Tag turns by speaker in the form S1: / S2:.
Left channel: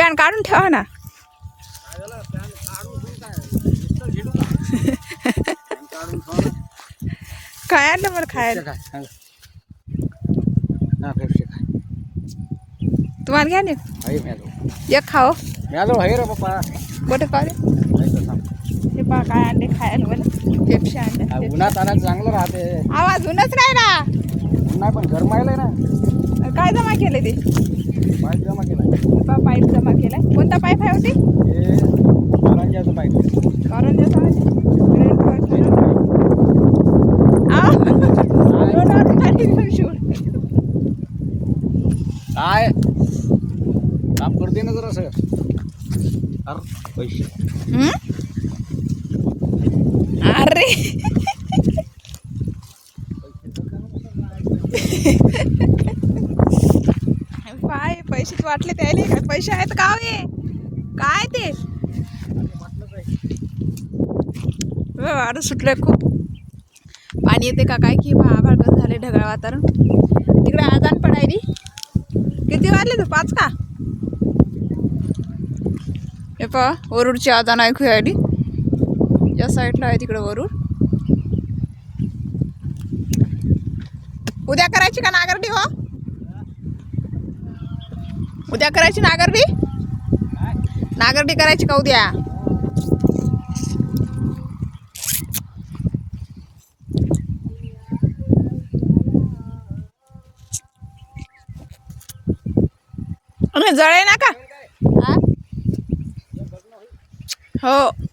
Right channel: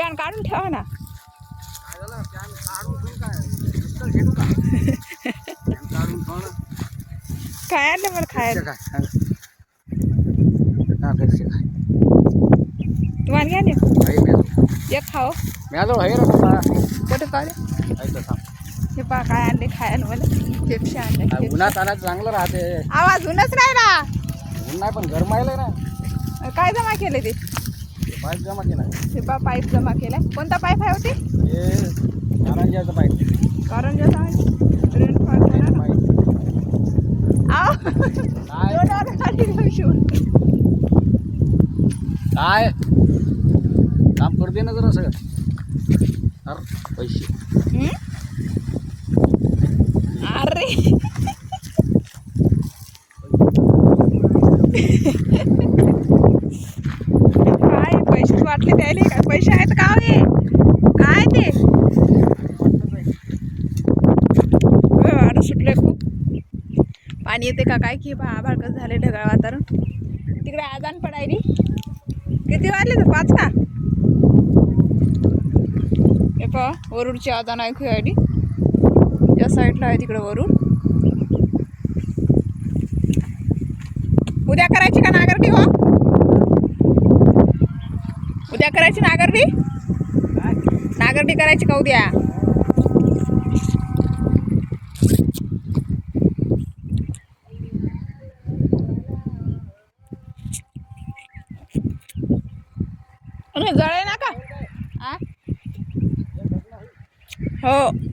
S1: Pan काढून ठेवा ना.
S2: काय ना
S1: आणलं मला खायला. तुम्हाला घ्या ना. एक खाओ. कुठे खाऊ
S2: नाही
S1: हे पहा काय आणले खायला मला. पेप्सी
S2: हा,
S1: आणले.
S2: उन्हात आला चांगलं राहते.
S1: आवाज उन्हाच राहिला
S2: उन्हा पण गरमायला ना.
S1: काय जमा केलं ते?
S2: पाईप जमा केला.
S1: हे पहा पाईप जमा केला. कोणता पाईप आहे होती?
S2: हे कारंजाचं पाईप
S1: कारण जे
S2: काय? काम करते ना जरा सगळं. अरे पैसे.
S1: अरे. वाटले द्यायले काय पैसे आहेत का हो हे काय ते? वाढ सुटले खूप. पाणी येते का काय? की भाळ झाले ढगाळ वातावरण. तिकडे आहे पडायली किती वाजले तर पाच का? हे पहा वरुडची आदान ऐकू यायली या साईडला आहे तिकडे वरुड. उद्या करायची का नागरटी हो उद्या करायची नागरडी? नागरडी करायची का उद्या? जळे ना का हो.